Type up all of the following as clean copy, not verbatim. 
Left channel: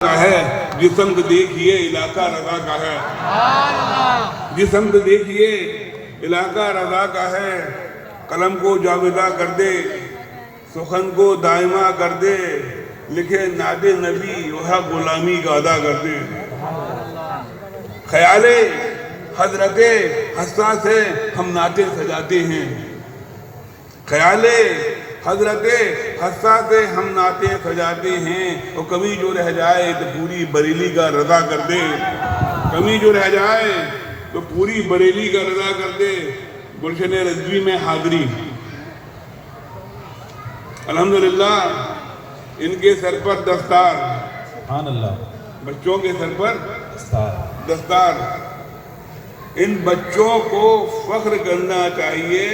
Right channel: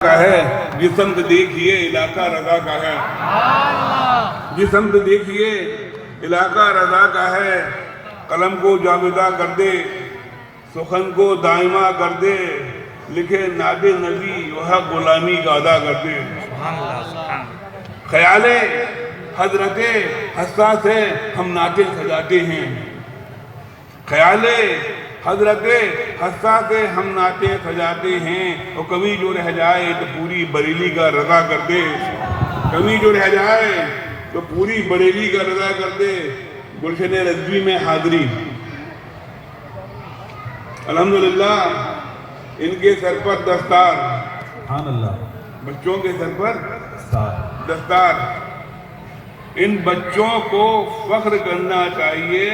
کا ہے، جس سمت دیکھیے علاقہ رضا کا ہے، جس سمت دیکھیے علاقہ رضا کا ہے۔ قلم کو جامدہ کر دے، سخن کو دائمہ کر دے، لکھے نعت نبی وہ غلامی کا ادا کر دے۔ خیال حضرت حساس ہے ہم نعتیں سجاتے ہیں، خیال حضرت حساس ہے ہم نعتیں سجاتے ہیں۔ اور کبھی جو رہ جائے تو پوری بریلی کا رضا کر دے، کبھی جو رہ جائے تو پوری بریلی کا رضا کر دے۔ گلشن رضوی میں حاضری، الحمدللہ ان کے سر پر دستار، سبحان اللہ، بچوں کے سر پر دستار۔ ان بچوں کو فخر کرنا چاہیے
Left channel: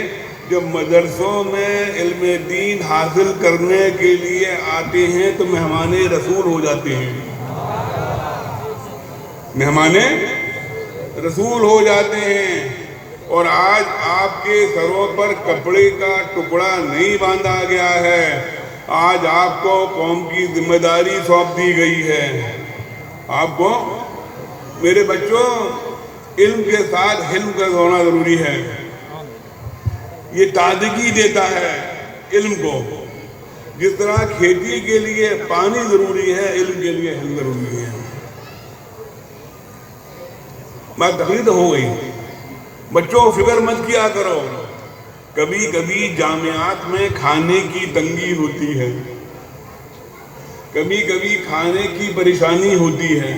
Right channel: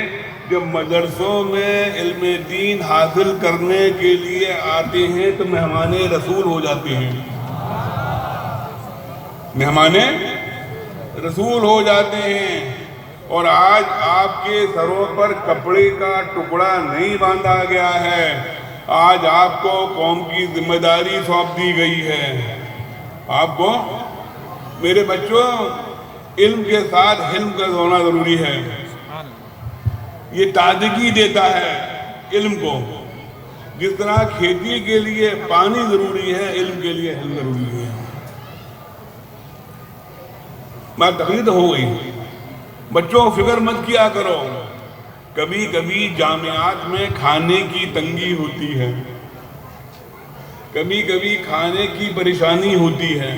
جب مدرسوں میں علم دین حاصل کرنے کے لیے آتے ہیں تو مہمان رسول ہو جاتے ہیں، مہمان رسول ہو جاتے ہیں۔ اور آج آپ کے سروں پر کپڑے کا ٹکڑا نہیں باندھا گیا ہے، آج آپ کو قوم کی ذمہ داری سونپ دی گئی ہے۔ آپ کو میرے بچوں علم کے ساتھ حلم کا ہونا ضروری ہے، یہ تازگی دیتا ہے علم کو۔ جس طرح کھیتی کے لیے پانی ضروری ہے، علم کے لیے حلم ضروری ہے۔ بات تقریر ہو گئی، بچوں فکر مت کیا کرو، کبھی کبھی جامعات میں کھانے کی تنگی ہوتی ہے، کبھی کبھی کھانے کی پریشانی ہوتی ہے،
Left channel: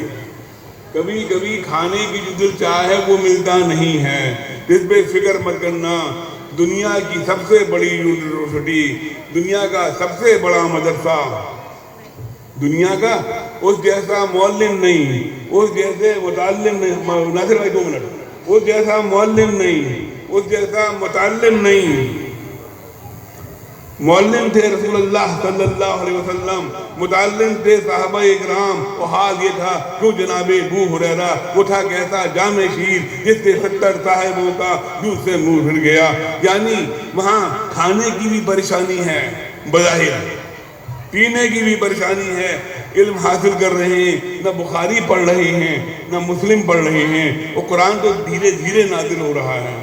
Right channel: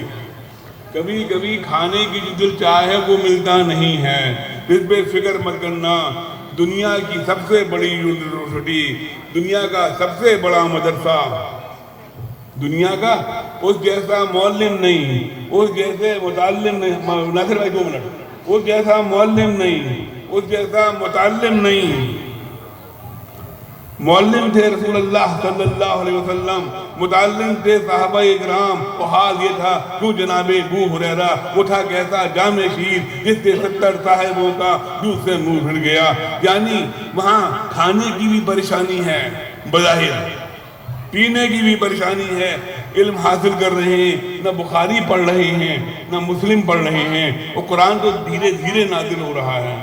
کبھی کبھی کھانے کی جو دل چاہے وہ ملتا نہیں ہے۔ اس پہ فکر مت کرنا، دنیا کی سب سے بڑی یونیورسٹی، دنیا کا سب سے بڑا مدرسہ، دنیا کا اس جیسا معلم نہیں، اس جیسے متعلم نہیں، ناصر بھائی 2 منٹ، اس جیسا معلم نہیں، اس جیسا متعلم نہیں۔ معلم تھے رسول اللہ صلی اللہ علیہ وسلم، متعلم تھے صحابہ اکرام، اور حال یہ تھا کیوں جناب ابو ہریرہ، وہ تھا کیسا جامع شیر جس سے 70 صاحبوں کا دودھ سے منہ پھر گیا۔ یعنی وہاں کھانے کی بھی پریشانی ہے بظاہر، پینے کی بھی پریشانی ہے، علم حاصل کر رہے ہیں، نہ بخاری پڑھ رہے ہیں نہ مسلم پڑھ رہے ہیں، اور قرآن تو دھیرے دھیرے نازل ہو رہا ہے۔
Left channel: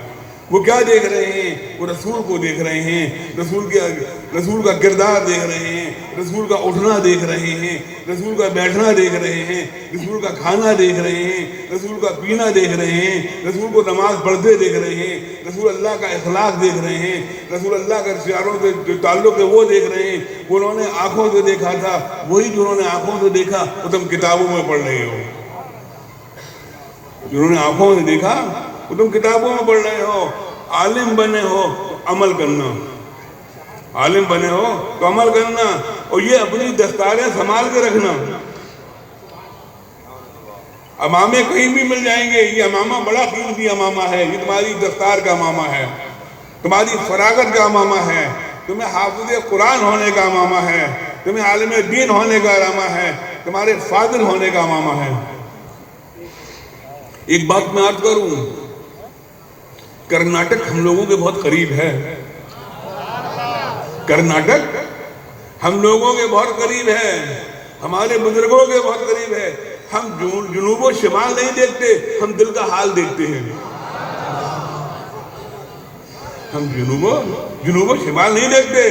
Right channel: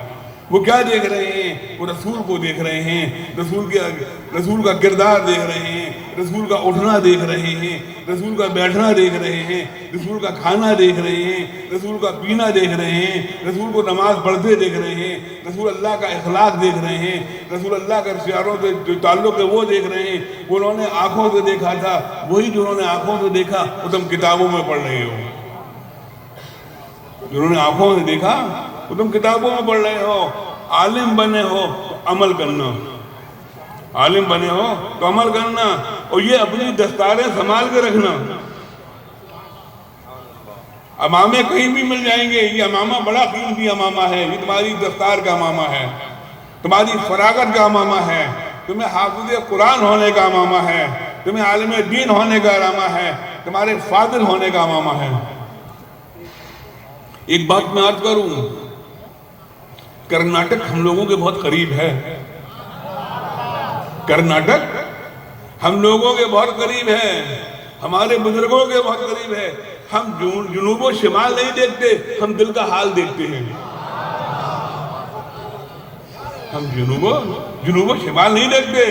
وہ کیا دیکھ رہے ہیں؟ وہ رسول کو دیکھ رہے ہیں، رسول کا کردار دیکھ رہے ہیں، رسول کا اٹھنا دیکھ رہے ہیں، رسول کا بیٹھنا دیکھ رہے ہیں، رسول کا کھانا دیکھ رہے ہیں، رسول کا پینا دیکھ رہے ہیں، رسول کو نماز پڑھتے دیکھ رہے ہیں، رسول اللہ کا اخلاق دیکھ رہے ہیں، رسول اللہ کا رشتےداروں سے جو تعلق ہے وہ دیکھ رہے ہیں۔ وہ انہوں نے آنکھوں سے دیکھا تھا، وہی جو انہوں نے آنکھوں سے دیکھا وہ تم کتابوں میں پڑھ رہے ہو، جنہوں نے آنکھوں سے دیکھا وہ تم کتابوں میں پڑھ رہے ہو۔ عالم بنے ہو تو عمل کرنا، عالم بنے ہو تو عمل کرنا، اور یہ اپنی دستاریں سنبھال کے رکھنا۔ امامے کہیں بھی مل جائیں گے، یہ امامہ بڑا قیمتی امامہ ہے، یہ تمہاری دستار کا امامہ ہے، تمہاری فراغت کا امامہ ہے، تمہیں حافظ قرآن ہونے کا امامہ ہے، تمہیں عالم دین ہونے کا امامہ ہے، تمہارے فاضل ہونے کا امامہ ہے۔ ایک بات میں عرض کروں، کرناٹک ہم لوگوں کے بہت قریب ہے، کرناٹک ہم لوگوں کے بہت قریب ہے، ہمارے بزرگوں کے بہت قریب ہے۔ ہم جنوب و شمال نہیں دیکھتے، ہم دل کا حال دیکھتے ہیں۔ ہم جنوب و شمال نہیں دیکھتے،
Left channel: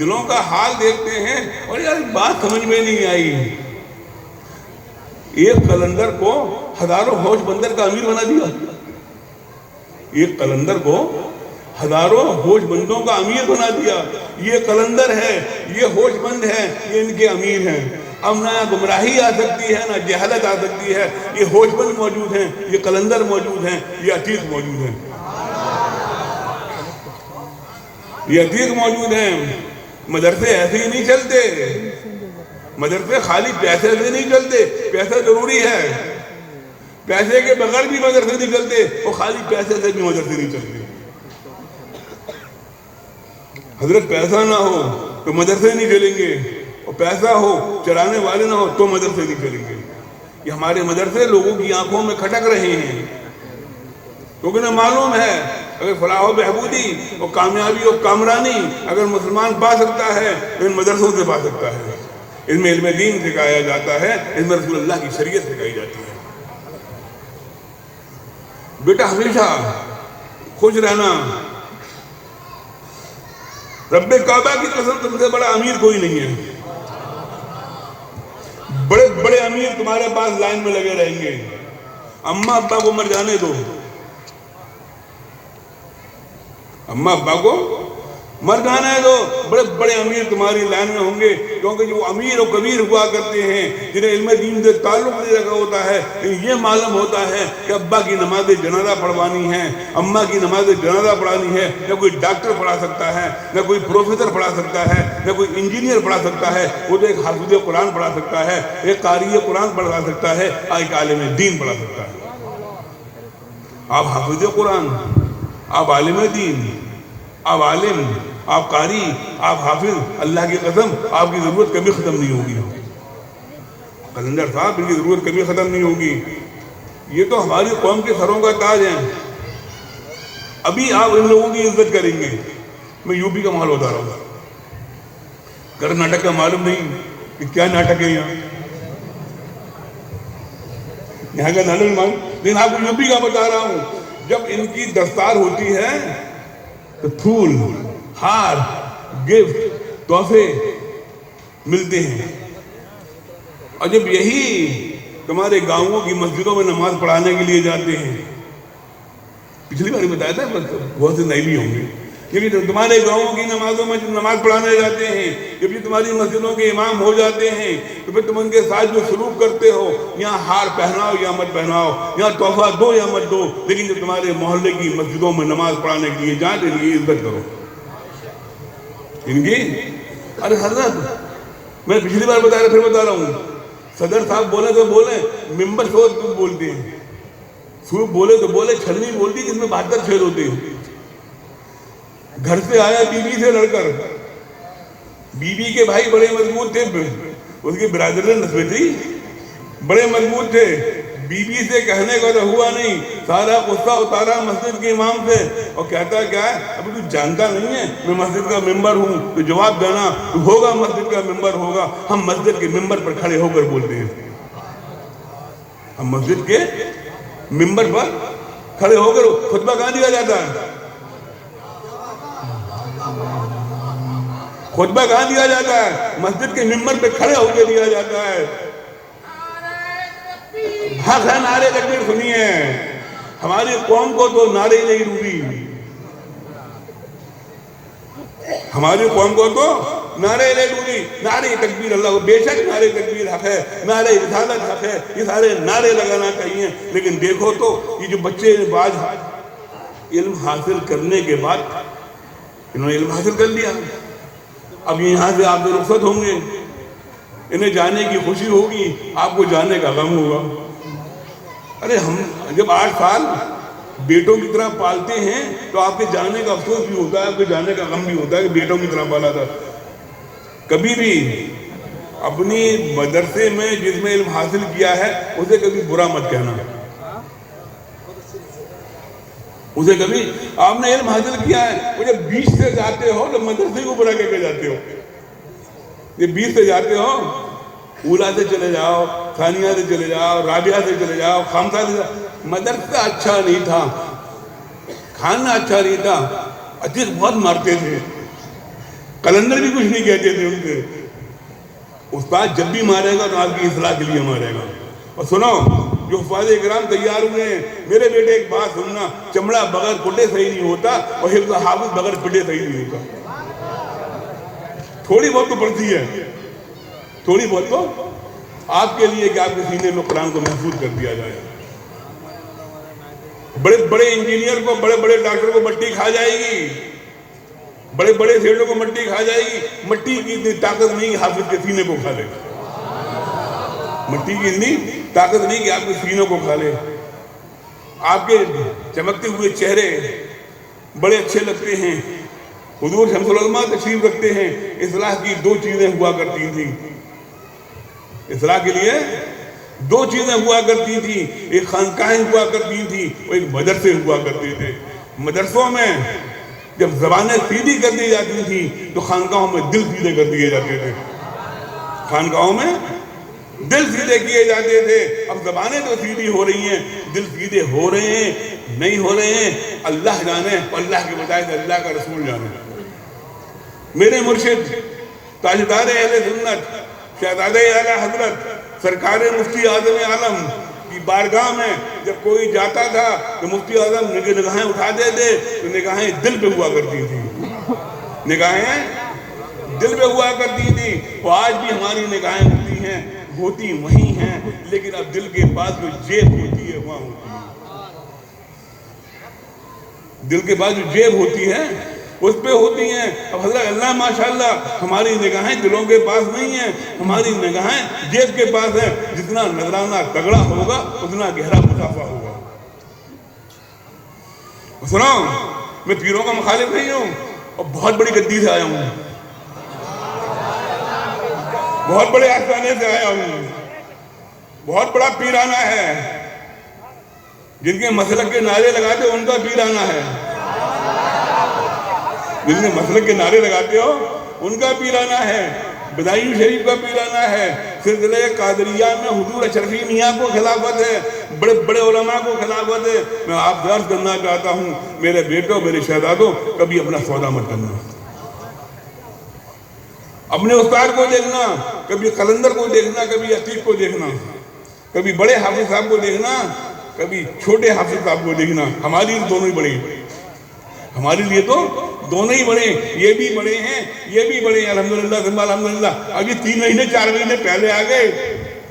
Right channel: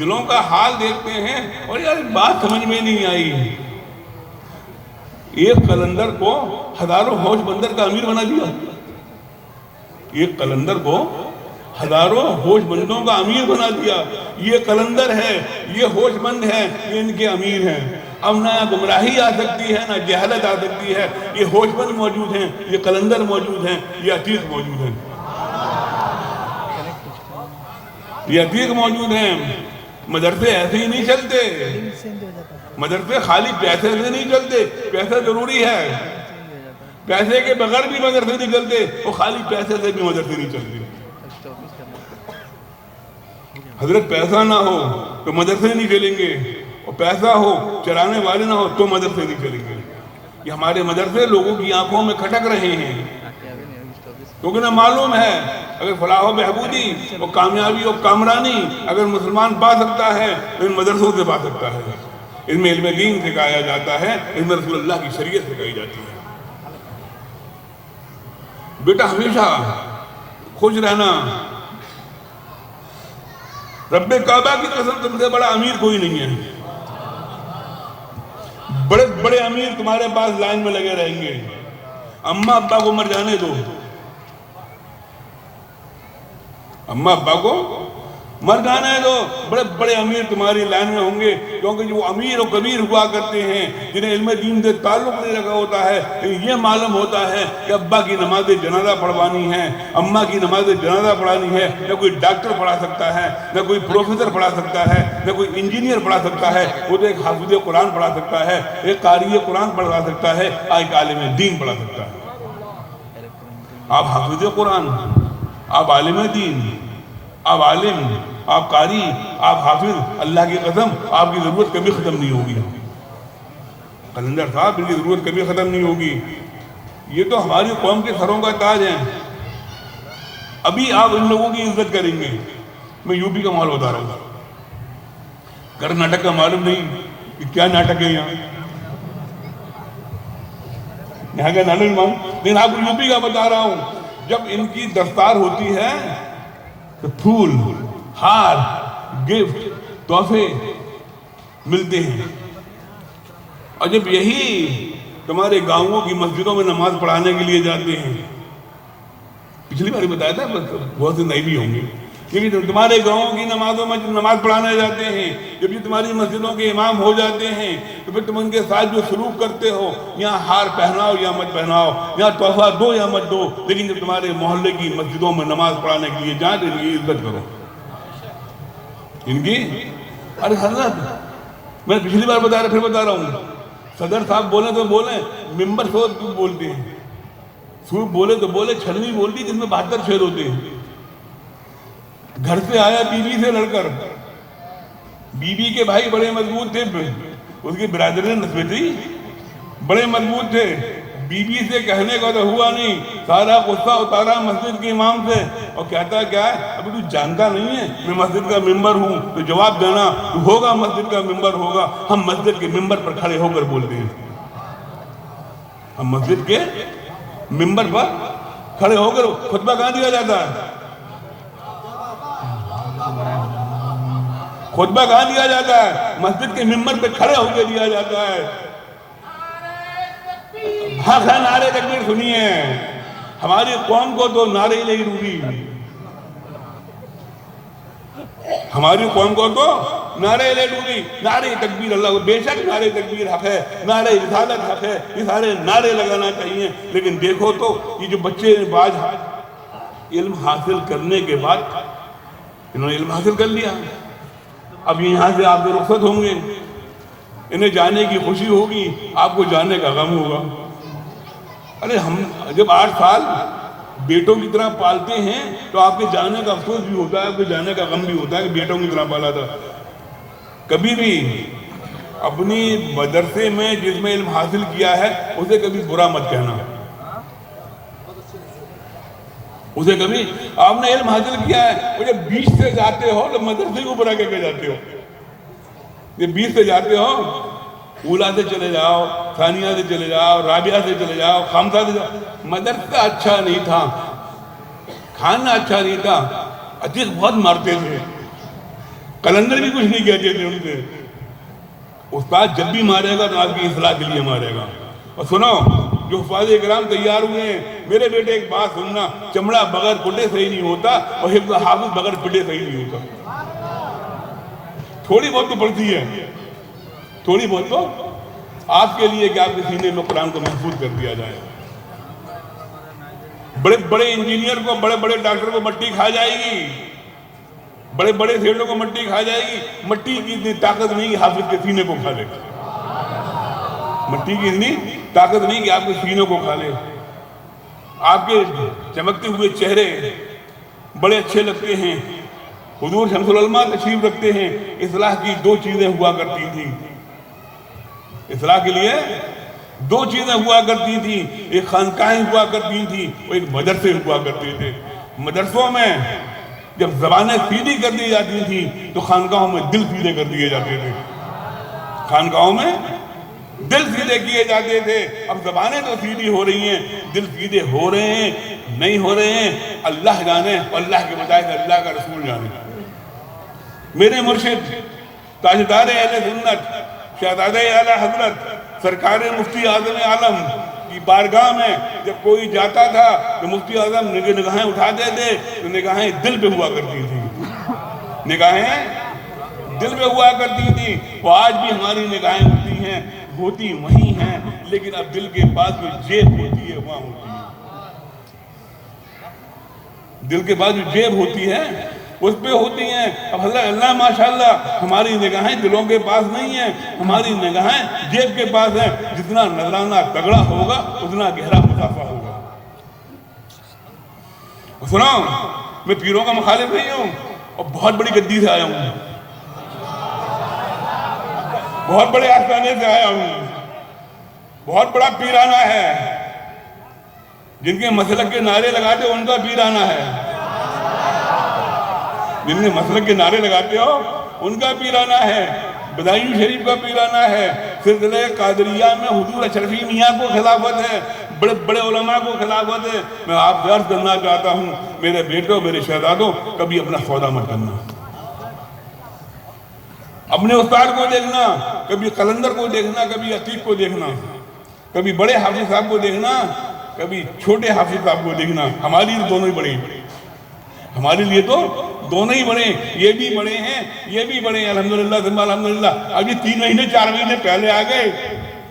دلوں کا حال دیکھتے ہیں۔ اور یار بات سمجھ میں نہیں آئی، ایک قلندر کو ہزاروں ہوش بندر کا امیر بنا دیا، ایک قلندر کو ہزاروں ہوش بندوں کا امیر بنا دیا۔ یہ قلندر ہے، یہ ہوش بند ہے، یہ ان کے امیر ہیں۔ اب نہ گمراہی آ سکتی ہے نہ جہالت آ سکتی ہے، یہ ہوش بند موجود ہیں، یہ قلندر موجود ہیں، یہ عتیق موجود ہیں، یہ عتیق موجود ہیں۔ مدرسے ایسے ہی نہیں چلتے، مدرسے خالی پیسے سے نہیں چلتے، پیسہ ضروری ہے، پیسے کے بغیر بھی مدرسے نہیں چلتے، اور خالی پیسے سے بھی مدرسے نہیں چلتے۔ حضرت پیسہ نہ ہو تو مدرسے نہیں چلیں گے، اور پیسہ ہو چلانے والے نہ ہو تو مدرسے نہیں چلیں گے۔ یہ ہمارے مدرسے لوگوں کی آنکھوں میں کھٹک رہے ہیں، کیونکہ انہیں معلوم ہے اگر فلاح و بہبودی اور کامیابی اور کامرانی اگر مسلمان پا سکتا ہے تو ان مدرسوں سے پا سکتا ہے۔ اس میں علم دین سکھایا جاتا ہے، اس میں رسول اللہ کی شریعت سکھائی جاتی ہے۔ بیٹا ہمیشہ خوش رہنا، رب کعبہ کی قسم تم سے بڑا امیر کوئی نہیں ہے۔ بڑے بڑے امیر تمہارے پاس لائن میں لگے رہیں گے، اماں ابا کو مر جانے دو، اماں ابا کو مر جانے دو، بڑے بڑے امیر تمہاری لائن میں ہوں گے، کیونکہ جو امیر و کبیر ہوا کرتے ہیں جنہیں علم دین سے تعلق نہیں رکھا ہوتا ہے، یہ معلوم ہوتا ہے کہ ابا کی نماز جنازہ پڑھوانی ہے، اماں کی نماز جنازہ پڑھانی ہے، نہ کوئی ڈاکٹر پڑھا سکتا ہے، نہ کوئی پروفیسر پڑھا سکتا ہے، نہ کوئی انجینئر پڑھا سکتا ہے، وہ تو ایک حافظ قرآن پڑھا سکتا ہے، ایک قاری قرآن پڑھا سکتا ہے، ایک عالم دین پڑھا سکتا ہے۔ آپ حافظ قرآن، آپ عالم دین، آپ عالم، آپ قاری، آپ حافظ، اللہ کی قسم آپ کی ضرورت کبھی ختم نہیں ہوگی۔ قلندر صاحب، ان کی ضرورت کبھی ختم نہیں ہوگی۔ یہ تو ہماری قوم کے سروں کا تاج ہیں۔ ابھی آپ ان لوگوں کی عزت کریں گے۔ میں یو پی کا ماحول بتا رہا ہوں، کرناٹک کا معلوم نہیں کہ کیا ناٹک ہے یہاں کا ناٹک مان، لیکن آپ یو پی کا بتا رہا ہوں۔ جب ان کی دستار ہوتی ہے تو پھول، ہار، گفٹ، تحفے ملتے ہیں، اور جب یہی تمہارے گاؤں کی مسجدوں میں نماز پڑھانے کے لیے جاتے ہیں، پچھلی بار بتایا تھا، بہت سے نئے بھی ہوں گے، کیونکہ تمہارے گاؤں کی نمازوں میں نماز پڑھانے جاتے ہیں، جب یہ تمہاری مسجدوں کے امام ہو جاتے ہیں تو پھر تم ان کے ساتھ جو سلوک کرتے ہو، یہاں ہار پہناؤ یا مت پہناؤ، یہاں تحفہ دو یا مت دو، لیکن جب تمہارے محلے کی مسجدوں میں نماز پڑھانے کے لیے جائیں تو ان کی عزت کرو، ان کی۔ ارے حضرت، میں پچھلی بار بتا رہا پھر بتا رہا ہوں، صدر صاحب بولیں تو بولیں، ممبر سوچ بولتے ہیں، سوپ بولے تو بولے، چھلنی بولتی جس میں 72 چھید ہوتے ہیں۔ گھر سے آیا بیوی سے لڑ کر، بیوی کے بھائی بڑے مضبوط تھے، اس کی برادری نسبتی بڑے مضبوط تھے، بیوی سے کہنے کا تو ہوا نہیں، سارا غصہ اتارا مسجد کے امام سے، اور کہتا کیا ہے، ابھی تو جانتا نہیں ہے میں مسجد کا ممبر ہوں، تو جواب دینا، تو ہوگا مسجد کا ممبر ہوگا، ہم مسجد کے ممبر پر کھڑے ہو کر بولتے ہیں، ہم مسجد کے ممبر پر کھڑے ہو کر خطبہ کہاں دیا جاتا ہے، خطبہ کہاں دیا جاتا ہے، مسجد کے ممبر پہ کھڑے ہو کے دیا جاتا ہے۔ حق ہے نعرے تکبیر سنیے، ہماری قوم کو تو نعرے ہی نہیں روبی، ہماری قوم کو تو نعرے لے ڈوبی، نعرے تکبیر اللہ کو، بے شک نعرے تکبیر حق ہے، نعرے رسالت حق ہے، یہ سارے نعرے لگانا چاہیے، لیکن دیکھو تو یہ جو بچے باز علم حاصل کرنے کے بعد انہوں نے علم حاصل کر لیا، اب یہاں سے آپ سے رخصت ہوں گے، انہیں جانے کی خوشی ہوگی، آپ کو جانے کا غم ہوگا۔ ارے ہم جب 8 سال بیٹوں کی طرح پالتے ہیں تو آپ کے جانے کا افسوس بھی ہوتا ہے، آپ کے جانے کا غم بھی ہوتا ہے کہ بیٹوں کی طرح پالا تھا۔ کبھی بھی اپنی مدرسے میں جس میں علم حاصل کیا ہے اسے کبھی برا مت کہنا، اسے کبھی آپ نے علم حاصل کیا ہے، وہ جب 20 سے جاتے ہو تو مدرسے کو برا کہہ کے جاتے ہو، یہ 20 سے جاتے ہو، اولا سے چلے جاؤ، ثانیہ سے چلے جاؤ، رابعہ سے چلے جاؤ، خامسہ سے جاؤ، مدرسہ اچھا نہیں تھا، کھانا اچھا نہیں تھا، عتیق بہت مارتے تھے، کلندر بھی کچھ نہیں کہتے تھے ان سے، استاد جب بھی مارے گا تو آپ کی اصلاح کے لیے مارے گا۔ اور سنو، جو حفاظ اکرام تیار ہوئے ہیں، میرے بیٹے ایک بات سننا، چمڑا بغیر پٹے صحیح نہیں ہوتا، اور حفظ حافظ بغیر پٹے صحیح نہیں ہوتا، تھوڑی بہت تو پڑتی ہے، تھوڑی بہت تو آپ کے لیے کہ آپ کے سینے میں قرآن کو محفوظ کر دیا جائے۔ بڑے بڑے انجینئر کو، بڑے بڑے ڈاکٹر کو مٹی کھا جائے گی، بڑے بڑے سیٹوں کو مٹی کھا جائے گی، مٹی کی اتنی طاقت نہیں حافظ کے سینے کو کھا لے، مٹی کی اتنی طاقت نہیں کہ آپ کے سینے کو کھا لے۔ آپ کے چمکتے ہوئے چہرے بڑے اچھے لگتے ہیں، حضور شمس العلماء تشریف رکھتے ہیں، اصلاح کی 2 چیزیں ہوا کرتی تھیں، اصلاح کے لیے 2 چیزیں ہوا کرتی تھیں، ایک خانقاہیں ہوا کرتی تھیں اور ایک مدرسے ہوا کرتے تھے۔ مدرسوں میں جب زبانیں سیدھی کر دی جاتی تھیں تو خانقاہوں میں دل سیدھے کر دیے جاتے تھے، خانقاہوں میں دل سیدھے کیے جاتے تھے، اب زبانیں تو سیدھی ہو رہی ہیں، دل سیدھے ہو رہے ہیں نہیں ہو رہے ہیں اللہ جانے، اللہ کے بجائے سے اللہ کا رسول جانے۔ میرے مرشد تاجدار اہل سنت شہزادہ اعلیٰ حضرت سرکار مفتی اعظم عالم کی بارگاہ میں جب کوئی جاتا تھا تو مفتی اعظم نگاہیں اٹھاتے تھے تو نگاہیں دل پہ ہوا کرتی تھی، نگاہیں دل پہ ہوا کرتی تھی۔ وہ آج بھی ہماری نگاہیں ہوتی وہیں ہیں، لیکن اب دل کے پاس جو جیب ہوتی ہے وہاں ہوتی ہے، دل کے پاس جو جیب ہوتی ہے اس پہ ہوتی ہیں۔ اب حضرت اللہ ماشاءاللہ ہماری نگاہیں دلوں کے پاس نہیں ہیں، ہماری نگاہیں جیب کے پاس ہیں۔ جتنا نذرانہ تگڑا ہوگا اتنا گہرا مسافہ ہوگا۔ سنو، میں پیروں کا مخالف نہیں ہوں اور بہت بڑی گدی سے آیا ہوں، بہت بڑے آستانے سے آیا ہوں، بہت بڑا پیرانہ ہے، جن کے مسلک کے نعرے لگاتے ہو ان کا پیرانہ ہے، جن کے مسلک کے نعرے لگاتے ہو ان کا پیرانہ ہے، بدائیو شریف کا پیرانہ ہے، سلسلہ قادریہ میں حضور اشرفی میاں کو خلافت ہے، بڑے بڑے علماء کو خلافت ہے۔ میں آپ سے عرض کرنا چاہتا ہوں میرے بیٹوں میرے شہزادوں، کبھی اپنا سودا مت کرنا، اپنے استاد کو دیکھنا، کبھی قلندر کو دیکھنا، کبھی عتیق کو دیکھنا، کبھی بڑے حافظ صاحب کو دیکھنا، کبھی چھوٹے حافظ صاحب کو دیکھنا۔ ہماری دونوں ہی بڑے ہیں، ہمارے لیے تو دونوں ہی بڑے ہیں، یہ بھی بڑے ہیں یہ بھی بڑے ہیں، الحمدللہ ثم الحمدللہ۔ ابھی 3 مہینے 4 مہینے پہلے آ گئے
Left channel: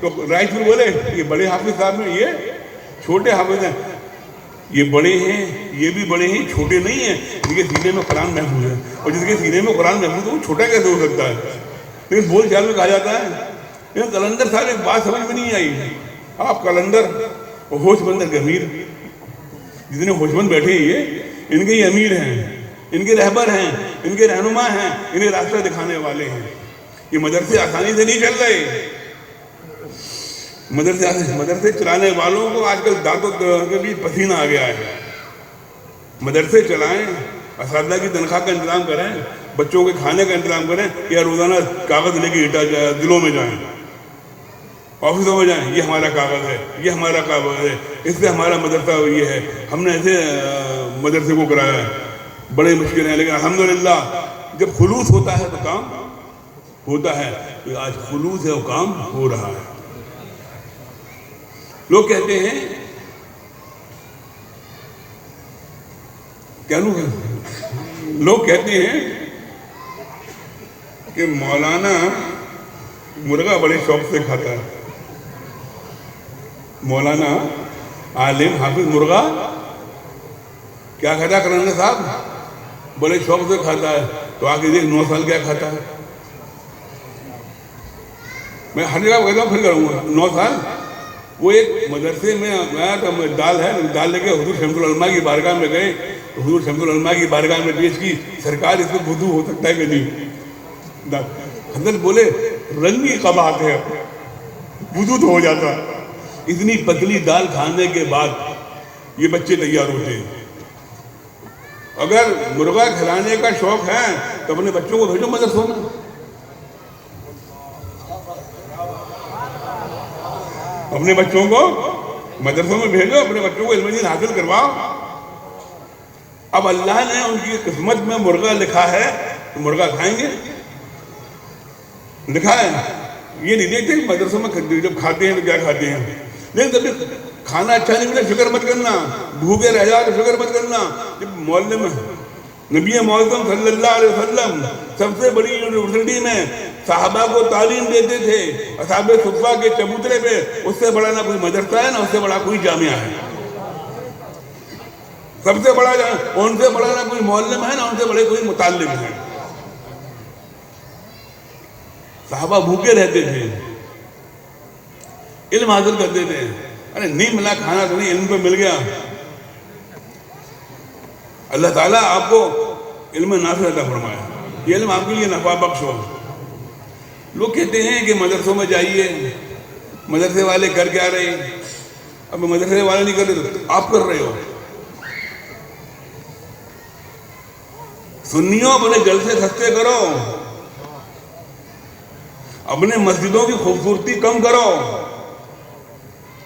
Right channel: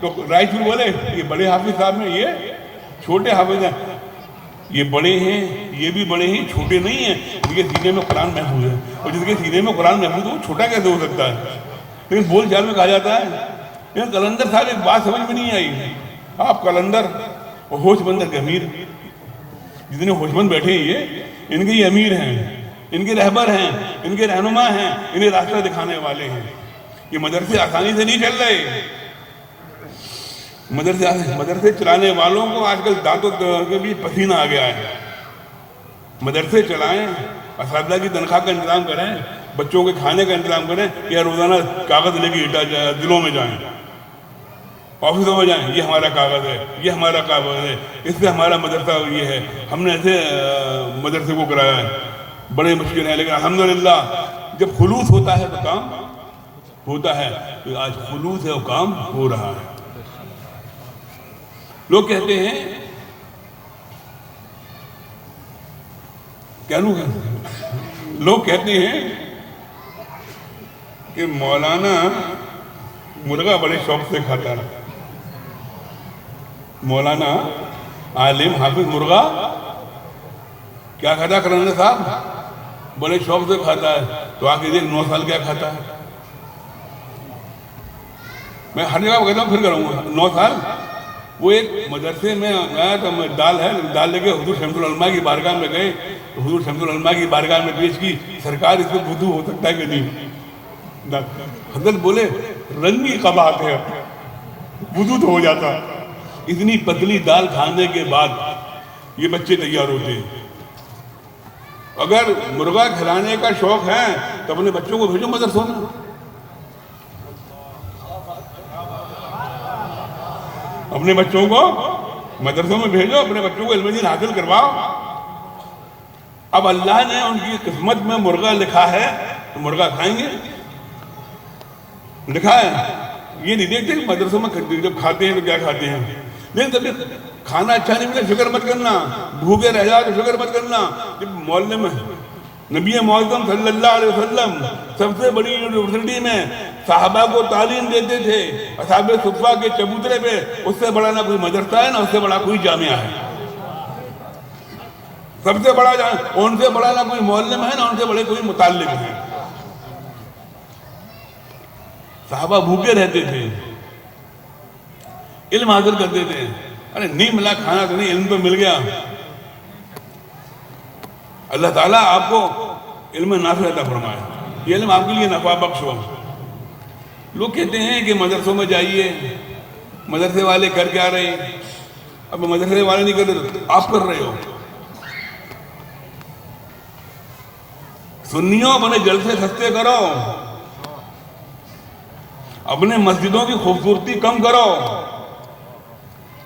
تو رائچور بولے یہ بڑے حافظ صاحب ہیں، یہ چھوٹے حافظ ہیں۔ یہ بڑے ہیں یہ بھی بڑے ہیں، چھوٹے نہیں ہیں، جن کے سینے میں قرآن محفوظ ہے، اور جس کے سینے میں قرآن محفوظ ہے وہ چھوٹا کیسے ہو سکتا ہے؟ لیکن بول چال میں کہا جاتا ہے، لیکن قلندر صاحب ایک بات سمجھ میں نہیں آئی، آپ قلندر اور ہوش بندر کے امیر، جتنے ہوش بند بیٹھے ہیں یہ ان کے یہ امیر ہیں، ان کے رہبر ہیں، ان کے رہنما ہیں، انہیں راستہ دکھانے والے ہیں۔ یہ مدرسے آسانی سے نہیں چل رہے، مدرسے چلانے والوں کو آج کل دانتوں کے بھی پسینہ آ گیا ہے۔ مدرسے چلائیں، اساتذہ کی تنخواہ کا انتظام کریں، بچوں کے کھانے کا انتظام کریں، یا روزانہ کاغذ لے کے دلوں میں جائیں، آفسوں میں جائیں، یہ ہمارا کاغذ ہے، یہ ہمارا کاغذ ہے، اس سے ہمارا مدرسہ یہ ہے، ہم نے ایسے مدرسے کو کرایا ہے۔ بڑے مشکل ہیں، لیکن الحمدللہ جب خلوص ہوتا ہے تو کام ہوتا ہے، تو آج خلوص ہے وہ کام ہو رہا ہے۔ لوگ کہتے ہیں لوگ کہتے ہیں کہ مولانا مرغا بڑے شوق سے کھاتا ہے، مولانا عالم حافظ مرغا کیا کھاتا ہے؟ قلندر صاحب بڑے شوق سے کھاتا ہے، تو آگے دیکھ 9 سال کیا کھاتا ہے۔ میں ہر جگہ کہتا ہوں، پھر کروں گا 9 سال۔ وہ ایک مدرسے میں آیا تھا، دال لے کے حضور شمس العلماء کی بارگاہ میں گئے، تو حضور شمس العلماء کی بارگاہ میں پیش کی، سرکار اس میں وضو ہو سکتا ہے کہ نہیں؟ حضرت بولے رنگی قباحت ہے، وضو تو ہو جاتا ہے۔ اتنی پتلی دال کھانے کے بعد یہ بچے تیار ہوتے ہیں۔ اگر مرغا کھلانے کا شوق ہے تو اپنے بچوں کو بھیجو مدرسوں میں، اپنے بچوں کو مدرسوں میں بھیجو، اپنے بچوں کو علم دین حاصل کرواؤ۔ اب اللہ نے ان کی قسمت میں مرغا لکھا ہے تو مرغا کھائیں گے، لکھا ہے۔ یہ نہیں دیکھتے مدرسوں میں جب کھاتے ہیں تو کیا کھاتے ہیں، لیکن جب کھانا اچھا نہیں ملے فکر مت کرنا، بھوکے رہ جاؤ تو فکر مت کرنا۔ جب محلے میں نبی معظم صلی اللہ علیہ وسلم سب سے بڑی یونیورسٹی میں صحابہ کو تعلیم دیتے تھے، اصحاب صفہ کے چبوترے پہ، اس سے بڑا نہ کوئی مدرسہ ہے نہ اس سے بڑا کوئی جامعہ ہے، سب سے بڑا ان سے بڑا نہ کوئی معلم ہے نہ ان سے بڑے کوئی متعلم ہے۔ صحابہ بھوکے رہتے تھے، علم حاصل کرتے تھے۔ ارے نہیں ملا کھانا تو نہیں، علم تو مل گیا۔ اللہ تعالیٰ آپ کو علم نافع عطا فرمائے، یہ علم آپ کے لیے نفع بخش ہو۔ لوگ کہتے ہیں کہ مدرسوں میں جائیے، مدرسے والے کر کے آ رہے ہیں۔ اب مدرسے والے نہیں کر رہے، آپ کر رہے ہو۔ سنیوں اپنے جلسے سستے کرو، اپنے مسجدوں کی خوبصورتی کم کرو،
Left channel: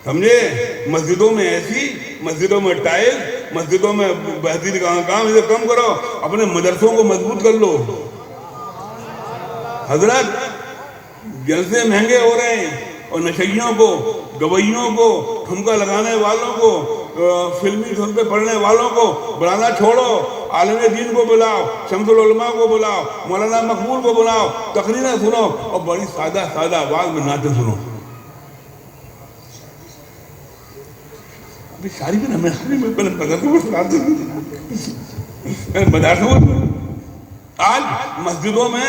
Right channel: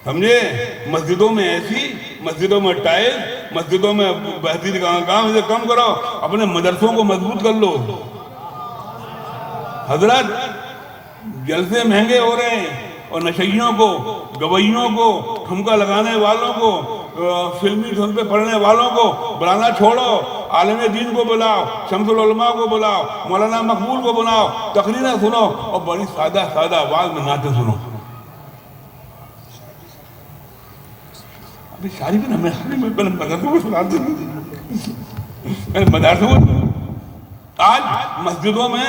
سمجھے؟ مسجدوں میں ایسی، مسجدوں میں ٹائل، مسجدوں میں بہترین کام، اسے کم کرو، اپنے مدرسوں کو مضبوط کر لو۔ حضرت جلسے مہنگے ہو رہے ہیں، اور نشیوں کو، گویوں کو، ٹھمکا لگانے والوں کو، فلمی دھن پہ پڑھنے والوں کو بلانا چھوڑو، عالم دین کو بلاؤ، شمس العلماء کو بلاؤ، مولانا مقبول کو بلاؤ، تقریریں سنو، اور بڑی سادہ سادہ آواز میں نعتیں سنو۔ ابھی شادی بھی مدرسوں میں آج مسجدوں میں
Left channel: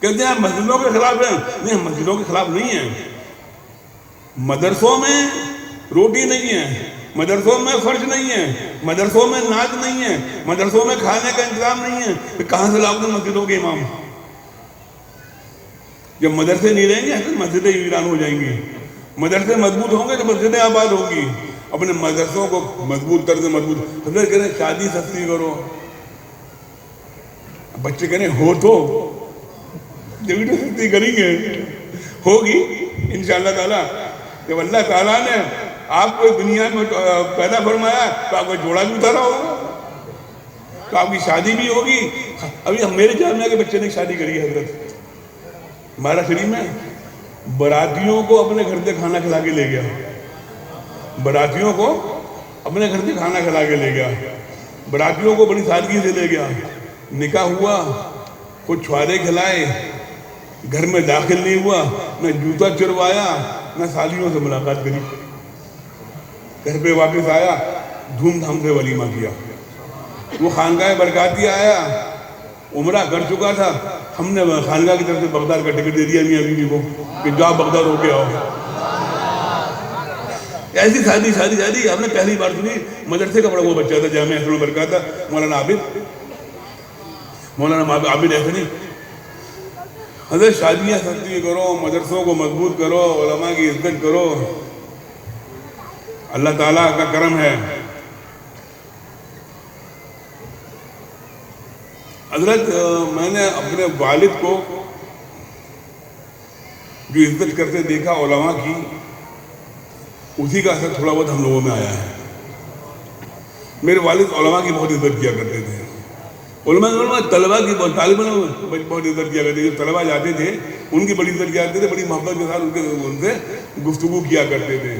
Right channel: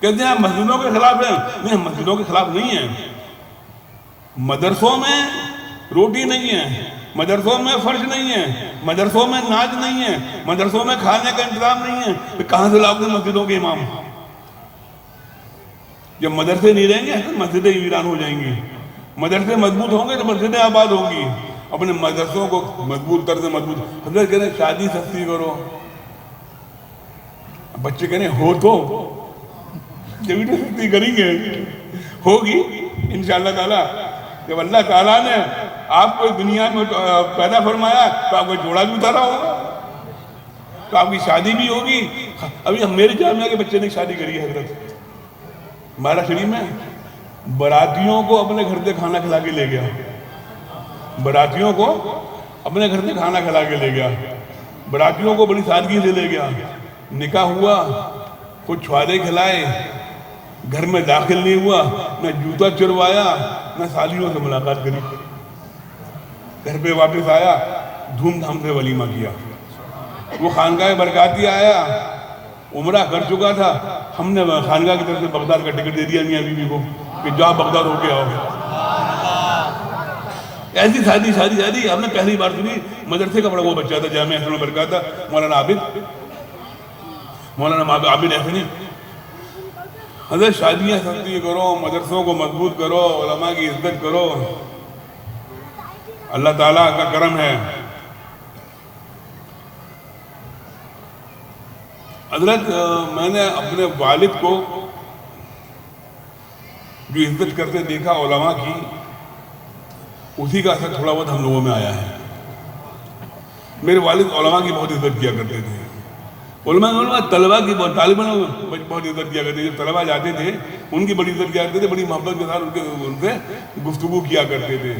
کہتے ہیں مسجدوں کے خلاف ہیں، نہیں، مسجدوں کے خلاف نہیں ہیں، مدرسوں میں روٹی نہیں ہے، مدرسوں میں فرش نہیں ہے، مدرسوں میں ناچ نہیں ہے، مدرسوں میں کھانے کا انتظام نہیں ہے، پھر کہاں سے لاؤ گے مسجدوں کے امام؟ جب مدرسے نہیں رہیں گے تو مسجدیں ویران ہو جائیں گی، مدرسے مضبوط ہوں گے تو مسجدیں آباد ہوں گی۔ اپنے مدرسوں کو مضبوط کر دیں، مضبوط۔ حضرت کہتے ہیں شادی سستی کرو، بچے کہتے ہیں ہو تو جبھی تو سستی کریں گے، ہوگی انشاءاللہ تعالیٰ۔ جب اللہ تعالیٰ نے آپ کو دنیا میں پیدا فرمایا تو آپ کو جوڑا بھی اتارا ہوگا، تو آپ کی شادی بھی ہوگی۔ ابھی میرے جامعہ کے بچے نے شادی کری ہے حضرت، ہمارا شریف میں براتیوں کو اپنے گھر سے کھانا کھلا کے لے گیا، براتیوں کو اپنے گھر سے کھانا کھلا کے لے گیا، براتیوں کو بڑی سادگی سے لے گیا، نکاح ہوا، کچھ چھوارے کھلائے، گھر میں داخل نہیں ہوا، نہ جوتا چروایا، نہ سالیوں سے ملاقات کری، گھر پہ واپس آیا، دھوم دھام سے ولیمہ کیا۔ وہ خانقاہ برکاتی آیا، عمرہ کر چکا تھا، ہم نے خانقاہ کی طرف سے بغداد کا ٹکٹ دے دیا میاں بیوی کو کہ جاؤ بغداد ہو کے آؤ۔ ایسی شادی آپ نے پہلی بار سنی؟ مدرسے کا بڑا وہ بچہ تھا، جامعہ احسن البرکات تھا، مولانا عابد احسنی۔ حضرت شادیاں سستی کرو، مدرسوں کو مضبوط کرو، علماء کی عزت کرو، اللہ تعالیٰ کا کرم ہے۔ حضرت میں نے اپنے والد کو جو عزت کرتے دیکھا علماء کی، اسی کا اثر تھوڑا بہت ہم لوگوں میں آیا ہے۔ میرے والد علماء کی بہت عزت کیا کرتے تھے، علماء طلباء کی طالبوں نے بہت عزت کیا کرتے تھے، جب طلباء جاتے تھے ان کی بڑی عزت کیا کرتے تھے، بڑی محبت کے ساتھ ان سے گفتگو کیا کرتے تھے۔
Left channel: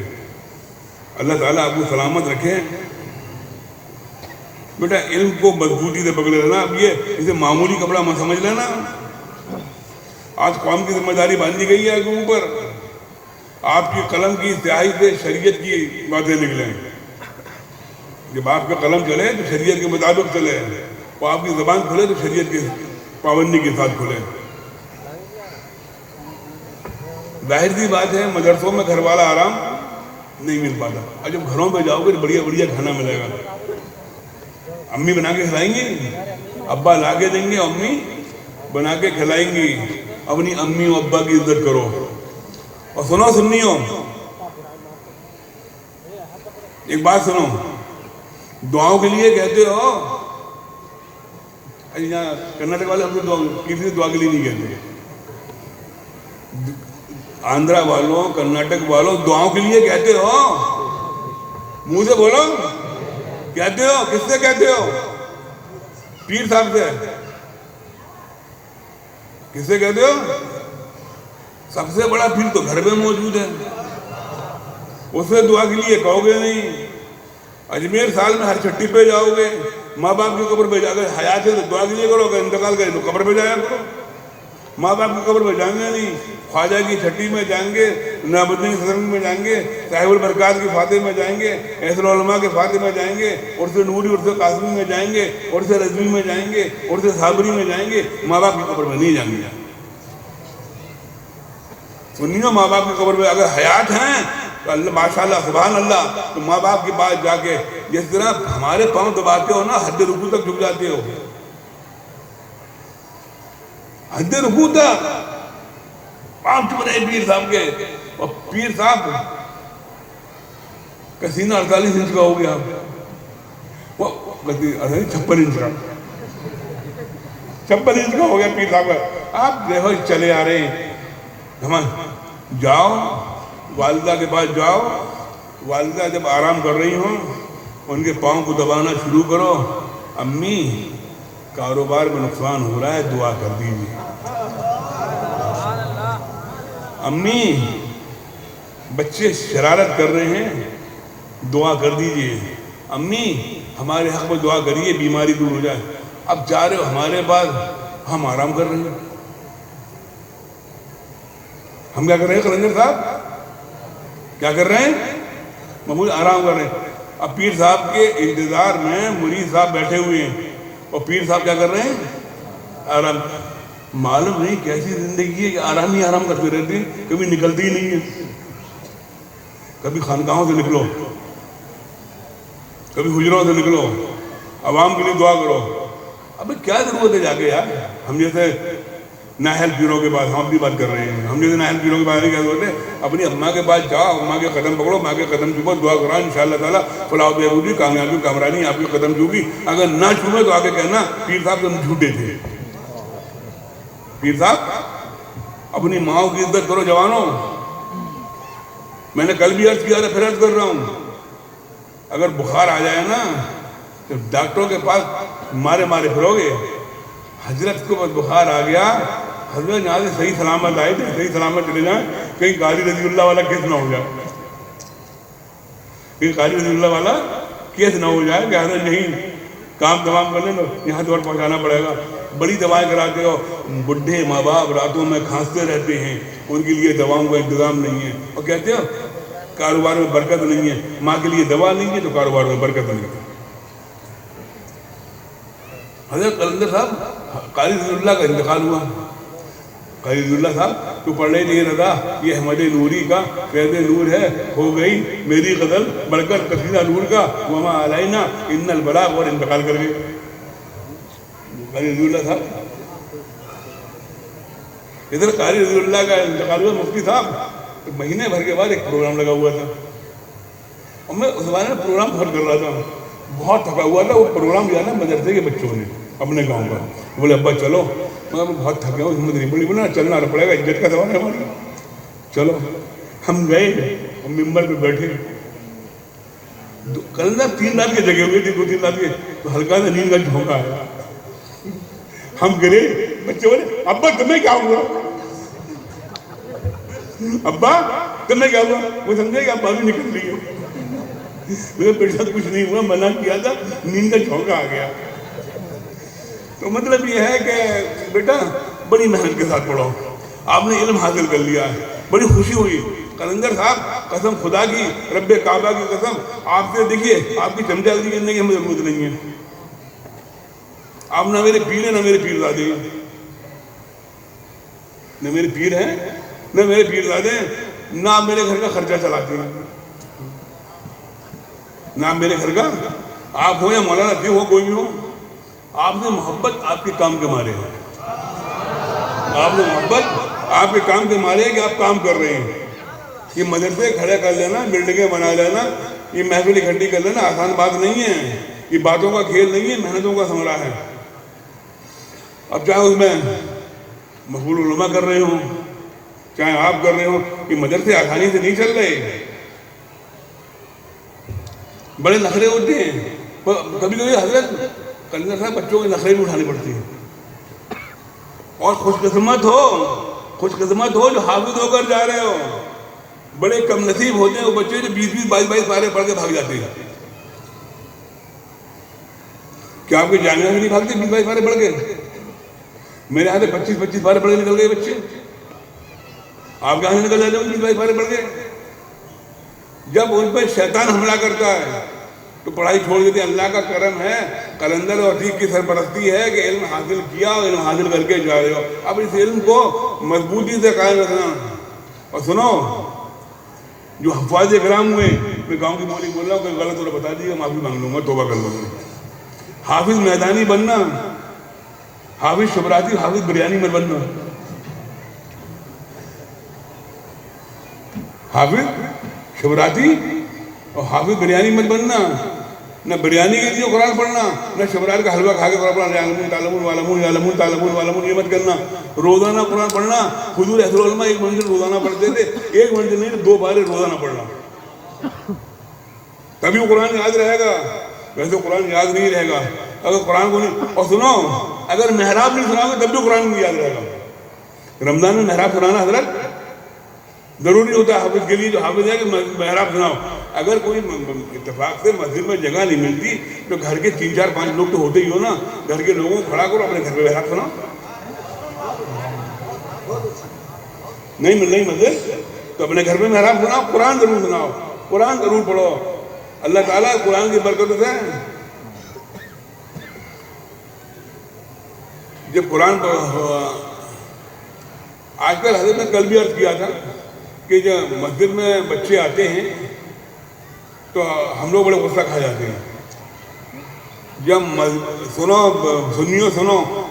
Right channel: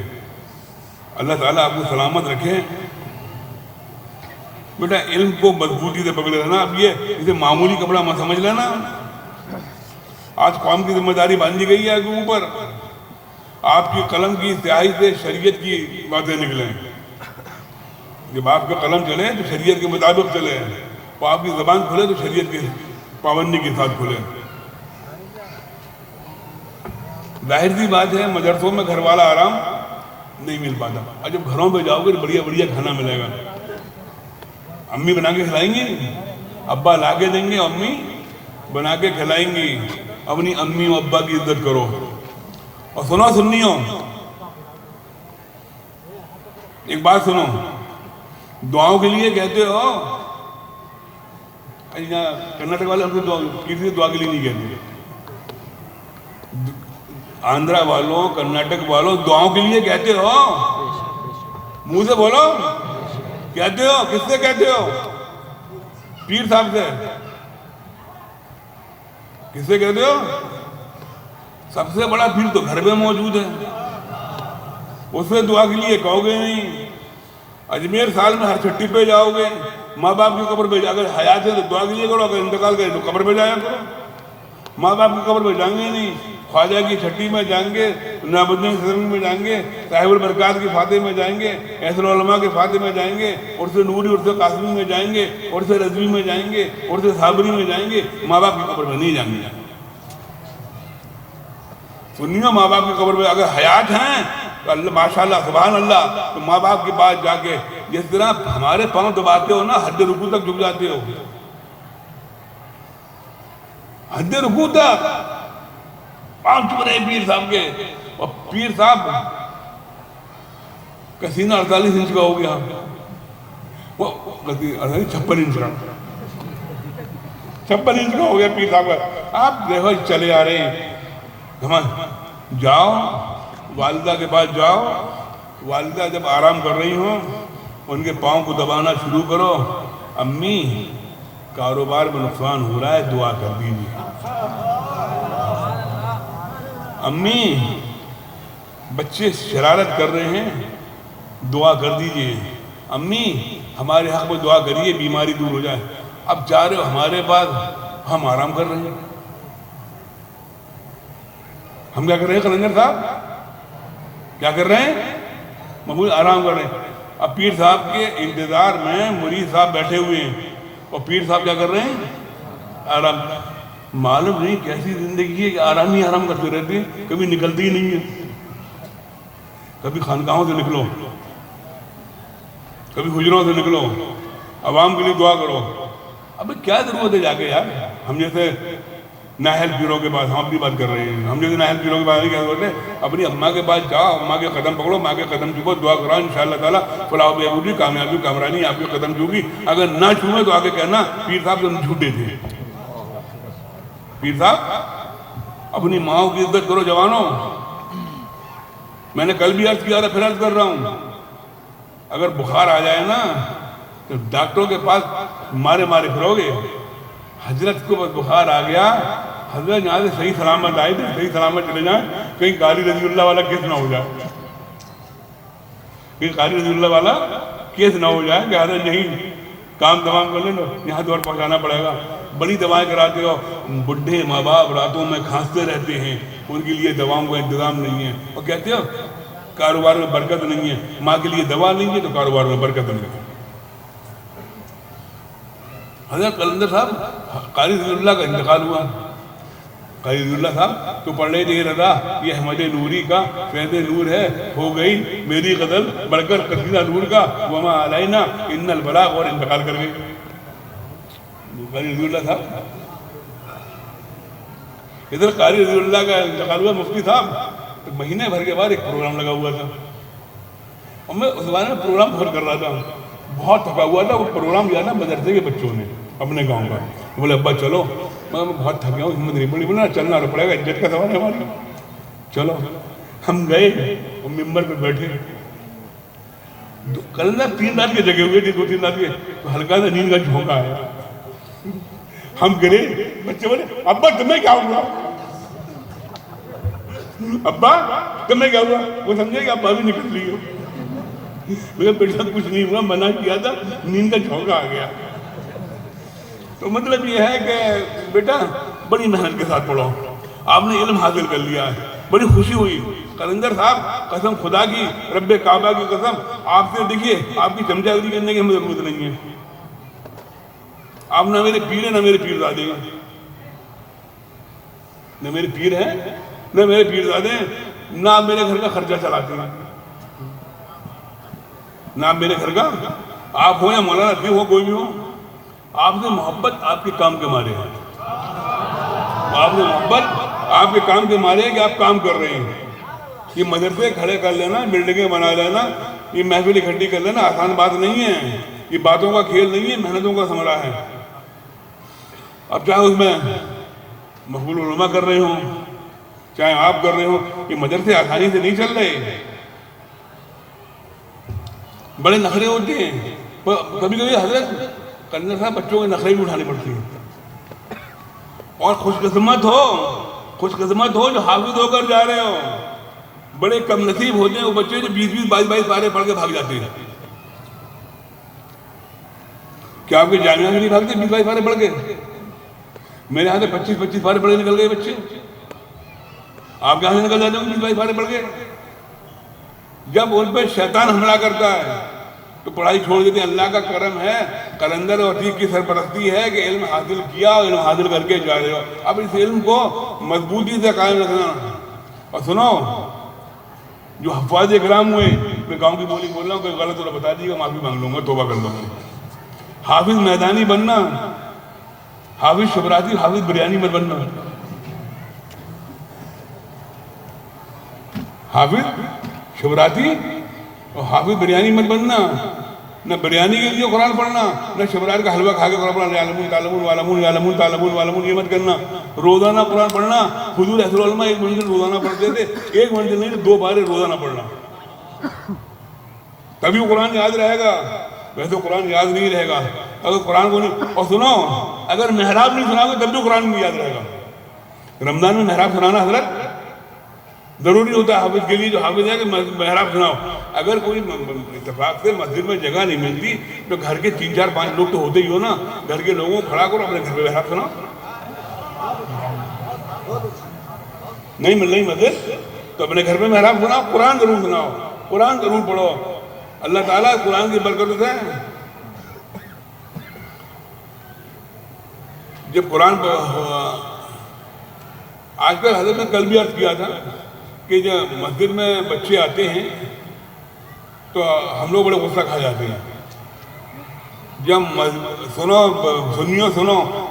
اللہ تعالیٰ آپ کو سلامت رکھے۔ بیٹا علم کو مضبوطی سے پکڑے رہنا، اب یہ اسے معمولی کپڑا مت سمجھ لینا۔ آج قوم کی ذمہ داری باندھی گئی ہے اوپر، آپ کی قلم کی سیاہی سے شریعت کی باتیں نکلیں، جب آپ کا قلم چلے تو شریعت کے مطابق چلے، اور آپ کی زبان کھلے تو شریعت کی پابندی کے ساتھ کھلے۔ ظاہر سی بات ہے مدرسوں میں گھر والا آرام نہیں مل پاتا، اور جب گھروں پہ جاؤ گے تو بڑھیا بڑھیا کھانا ملے گا، امی بنا کے کھلائیں گی، ابا لا کے دیں گے، امی بنا کے کھلائیں گی۔ اپنی امی و ابا کی عزت کرو۔ اور سنو سنیوں، ایک بات سنو، دعاؤں کے لیے کہتے ہو، کرناٹک والے ہم سے کسی دعا کے لیے نہیں کہتے، آندھرا والوں، کرناٹک والوں دعاؤں کے لیے کہتے ہو، منہ سے بولو، کہتے ہو، کس سے کہتے ہو؟ پیر صاحب سے۔ کس سے کہتے ہو؟ سب سے بڑا پیر تو گھر میں موجود ہے، اس سے دعا کے لیے کہو گے نہیں۔ اجمیر سال میں ہر چھٹی پہ جاؤ گے، ماں باپ کی قبر پہ جا کے حیات ہے تو دعا کے لیے کرو گے، انتقال کرے تو قبر پہ جایا کرو۔ ماں باپ کی قبر پہ جائیں گے نہیں، خواجہ کی چھٹی میں جائیں گے، نعمتین سزنگ میں جائیں گے، صاحب البرکات کے فاتح میں جائیں گے، احسن العلماء کے فاتح میں جائیں گے، عرس نوری، عرس قاسمی میں جائیں گے، عرس رضوی میں جائیں گے، عرس صابری میں جائیں گے، ماں باپ کی قبر میں نہیں جائیں گے۔ سنیو، ماں باپ کی قبر پہ اگر حیات ہیں تو اللہ ماشاءاللہ سبحان اللہ، تو ماں باپ کے پاس جا کے جس طرح ہمارے پاؤں دباتے ہو نا، حد رکوع تک جھک جاتے ہو، حد رکوع تک پاؤں چپ رہے پیر صاحب کے، اور پیر صاحب کا سینہ 48 انچ کا ہو گیا، وہ 56 انچ کا، 56 انچ کا ہو گیا پیر صاحب کا۔ آپ دیکھو چلے آ رہے ہیں، جاؤ والدہ کے پاس جاؤ، والدہ جب آرام کر رہی ہوں ان کے پاؤں کو دبانا شروع کرو، امی کاروبار میں نقصان ہو رہا ہے دعا کر دیجیے، امی بچے شرارت کر رہے ہیں دعا کر دیجیے، امی ہمارے حق میں دعا کریے بیماری دور ہو جائے۔ اب جا رہے ہو ہمارے پاس، ہم آرام کر رہے ہیں، ہم کیا کر رہے ہیں قلندر صاحب؟ کیا کر رہے ہیں؟ معمول آرام کر رہے ہیں۔ اب پیر صاحب کے انتظار میں مرید صاحب بیٹھے ہوئے ہیں اور پیر صاحب کیا کر رہے ہیں؟ آرام۔ معلوم نہیں کیسی زندگی ہے کہ آرام ہی آرام کرتے رہتے ہیں، کبھی نکلتی ہی نہیں ہے۔ کبھی خانقاہوں سے نکلو، کبھی حجروں سے نکلو، عوام کے لیے دعا کرو۔ اب کیا ضرورت ہے جا کے یار؟ ہم جیسے نااہل پیروں کے پاس، ہم اپنی بات کر رہے ہیں، ہم جیسے نااہل پیروں کے پاس نہیں، کیا ضرورت ہے؟ اپنی اماں کے پاس جاؤ، اماں کے قدم پکڑو، ماں کے قدم چومو، دعا کراؤ، انشاءاللہ تعالیٰ فلاح و بہبودی، کامیابی، کامرانی آپ کے قدم چومے گی۔ اگر نہ چومے تو آگے کہنا پیر صاحب تم جھوٹے تھے۔ پیر صاحب اپنی ماؤں کی عزت کرو جوانوں۔ میں نے کل بھی عرض کیا تھا، پھر عرض کر رہا ہوں، اگر بخار آ جائے نا تو ڈاکٹروں کے پاس مارے پھرو گے۔ حضرت کو بس بخار آ گیا، حضرت یہاں سے صحیح سلامت آئے تھے، صحیح سلامت چلے جائیں، کہیں قاری رضی اللہ والا کیس نہ ہو جائے، کہیں قاری رضی اللہ والا کیس نہ ہو جائے کہ حضرت نہیں کام تمام کرنے میں یہاں دور پہنچانا پڑے گا۔ بڑی دوائیں کراتے ہو، بڈھے ماں باپ راتوں میں کھانستے رہتے ہیں، ان کے لیے دواؤں کا انتظام نہیں ہے، اور کہتے ہو کاروبار میں برکت نہیں ہے، ماں کے لیے دوا نہیں ہے تو کاروبار میں برکت نہیں ہے۔ حضرت قلندر صاحب قاری رضی اللہ کا انتقال ہوا، قاری رضی اللہ صاحب تو پڑھ رہے تھے، رضا یہ احمد نوری کا فیض نور ہے، ہو گئی میری غزل بڑھ کر قصیدہ نور کا، وما علینا ان البلاغ، اور انتقال کر گئے قاری رضی اللہ صاحب۔ ادھر قاری رضی اللہ کا انتقال ہوا، مفتی صاحب مہینے بھر کے بعد ایک پروگرام لگا ہوا تھا، اور میں اس بارے میں پروگرام بہت کر رہا تھا، بہت تھکا ہوا تھا۔ وہ پروگرام دیا نا مدرسے کے بچوں نے اپنے گاؤں کا، بولے ابا چلو، میں بہت تھکا ہوں، ہمت نہیں پڑی، بولا چلنا پڑے گا، عزت کا سوال ہے ہماری، چلو۔ ہم گئے اور ممبر پہ بیٹھے، قلندر 3 رات کے جگہ ہوئے تھے، 2-3 رات کے، تو ہلکا سا نیند کا جھونکا آیا، ہم گرے، بچے بولے ابا تمہیں کیا ہوا؟ ابا تمہیں کیا ہوا؟ وہ سمجھے کہ ابا بھی نکل لی ہو، میرے بیٹا کچھ نہیں ہوا، منع کیا تھا، نیند کا جھونکا آ گیا۔ تو مطلب یہ ہے کہ بیٹا بڑی محنت کے ساتھ پڑھو، آپ نے علم حاصل کر لیا ہے، بڑی خوشی ہوئی۔ قلندر صاحب قسم خدا کی، رب کعبہ کی قسم، آپ سے دیکھیے آپ کی چمچہ گری کرنے کی ہمیں ضرورت نہیں ہے، آپ نہ میرے پیر ہیں نہ میرے پیرزادے ہیں، نہ میرے پیر ہیں نہ میرے پیرزادے ہیں، نہ آپ میرے گھر کا خرچہ چلاتے ہیں، نہ آپ میرے گھر کا، آپ ہو یا مولانا عطیف ہو، کوئی بھی ہو، آپ سے محبت آپ کے کام کے مارے ہے، آپ سے محبت آپ کے کام کے مارے ہے کہ آپ کام کر رہے ہیں۔ یہ مدرسے کھڑے کر لینا، بلڈنگیں بنا لینا، یہ محفل اکٹھی کر لینا آسان بات نہیں ہے، یہ باتوں کا کھیل نہیں ہے، محنتوں کا ثمرہ ہے۔ اب چاہے اس میں مقبول علماء کر رہے ہوں، چاہے آپ کر رہے ہوں، یہ مدرسے آسانی سے نہیں چل رہے، بڑے نخرے ہوتے ہیں، کبھی کبھی حضرت قلندر صاحب بچوں کے نخرے بھی اٹھانی پڑتی ہیں، اور خوش قسمت ہو جو حافظ ہو کر جا رہے ہو، بڑے کم نصیب ہوتے ہیں وہ بچے جو 20-20 22-22 پارے پڑھ کے بھاگ جاتے ہیں۔ کیا آپ کے جامعہ میں نہیں بھاگتے 20-22 پارے پڑھ کے؟ میرے یہاں سے 25-25 پارے پڑھ کے نکل گئے بچے، آپ کے یہاں سے نکل جاتے ہیں 20-22 پارے پڑھ کے۔ جب ان پہ شیطان حملہ کرتا ہے تو پڑھائی چھوڑ دیتے ہیں۔ اللہ کا کرم ہے، قلندر اور عتیق کی سرپرستی ہے کہ علم حاصل کیا اور علم حاصل کر کے جا رہے ہو، اب اس علم کو مضبوطی سے قائم رکھنا۔ اور سنو، جو حفاظ کرام ہوئے، میں گاؤں کی بولی بول رہا ہوں، کوئی غلط ہو تو بتا دیجیے گا، معافی مانگ لوں گا، توبہ کر لوں گا۔ حافظ میدانی بننا، حافظ شبراتی، حافظ بریانی مت بننا، حافظ شبراتی اور حافظ بریانی مت بننا، نہ بریانی کے لیے قرآن پڑھنا، نہ شبرات کا حلوہ کھا کے قرآن پڑھنا، یعلمون تعلمون والمون یعلمون تعلمون والمون، یہ مت کرنا۔ روزانہ قرآن پڑھنا. حضور احسن العلماء 1 منزل روزانہ پڑھتے تھے, 1 منزل نہیں 2 بارے روزانہ پڑھنا, تبھی وہ قرآن یاد رہے گا. ویسے قرآن یاد نہیں رہے گا اگر قرآن کو نہیں. اور سنو, اگر محراب نہیں سناؤ گے تب بھی قرآن نہیں یاد رہے گا. رمضان میں محراب سنانا حضرت ضروری ہوتا ہے حافظ کے لیے, جو حافظ ہے کہ محراب سناؤ. اگر کوئی اتفاق سے مسجد میں جگہ نہیں ملتی تو گھر کے 3 4 5 لوگ تو ہوتے ہی ہو نا, گھر کے لوگوں کو کھڑا کرو, اپنے گھر پہ محراب سناؤ. نہیں مل رہی مسجد تو اپنے گھر پہ محراب سناؤ, قرآن ضرور سناؤ, قرآن ضرور پڑھو. اللہ تعالیٰ قرآن کی برکت سے جب قرآن آج کل حضرت نے کل بھی عرض کیا تھا کہ جب مسجد میں بچے آتے ہیں تو ہم لوگ بڑے غصہ کھا جاتے ہیں. جب سنو,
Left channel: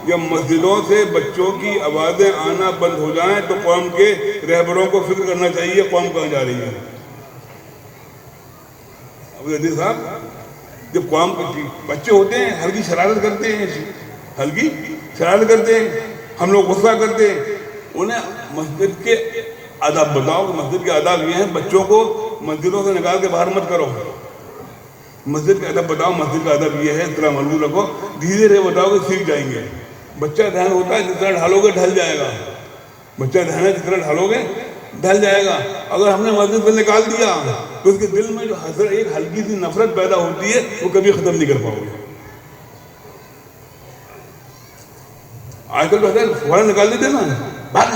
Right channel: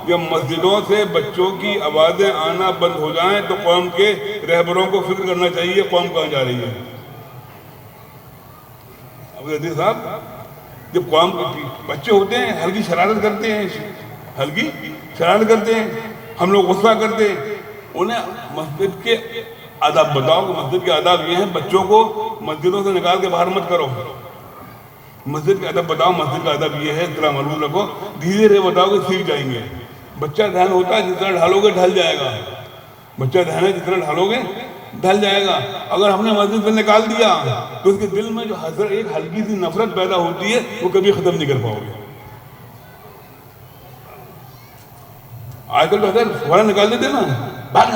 جب مسجدوں سے بچوں کی آوازیں آنا بند ہو جائیں تو قوم کے رہبروں کو فکر کرنا چاہیے قوم کہاں جا رہی ہے. اب صاحب جب قوم بچے ہوتے ہیں ہلکی شرارت کرتے ہیں, ہم لوگ غصہ کرتے ہیں. انہیں مسجد کے آداب بتاؤ کہ مسجد کے آداب یہ ہیں, بچوں کو مسجدوں سے نکال کے باہر مت کرو. مسجد کے ادب بتاؤ, مسجد کا ادب یہ ہے, اس طرح معلوم رکھو, دھیرے دھیرے بتاؤ کہ سیکھ جائیں گے. بچہ ذہن ہوتا ہے جس طرح ڈھالو گے ڈھل جائے گا. بچہ ذہن ہے جس طرح ڈھالو گے ڈھل جائے گا. اگر ہم نے مسجد سے نکال دیا تو اس کے دل میں جو حضرت ایک ہلکی سی نفرت پیدا ہوتی ہے وہ کبھی ختم نہیں کر پاؤ گے. آج کل تو حضرت فوراً نکال دیتے نا, بات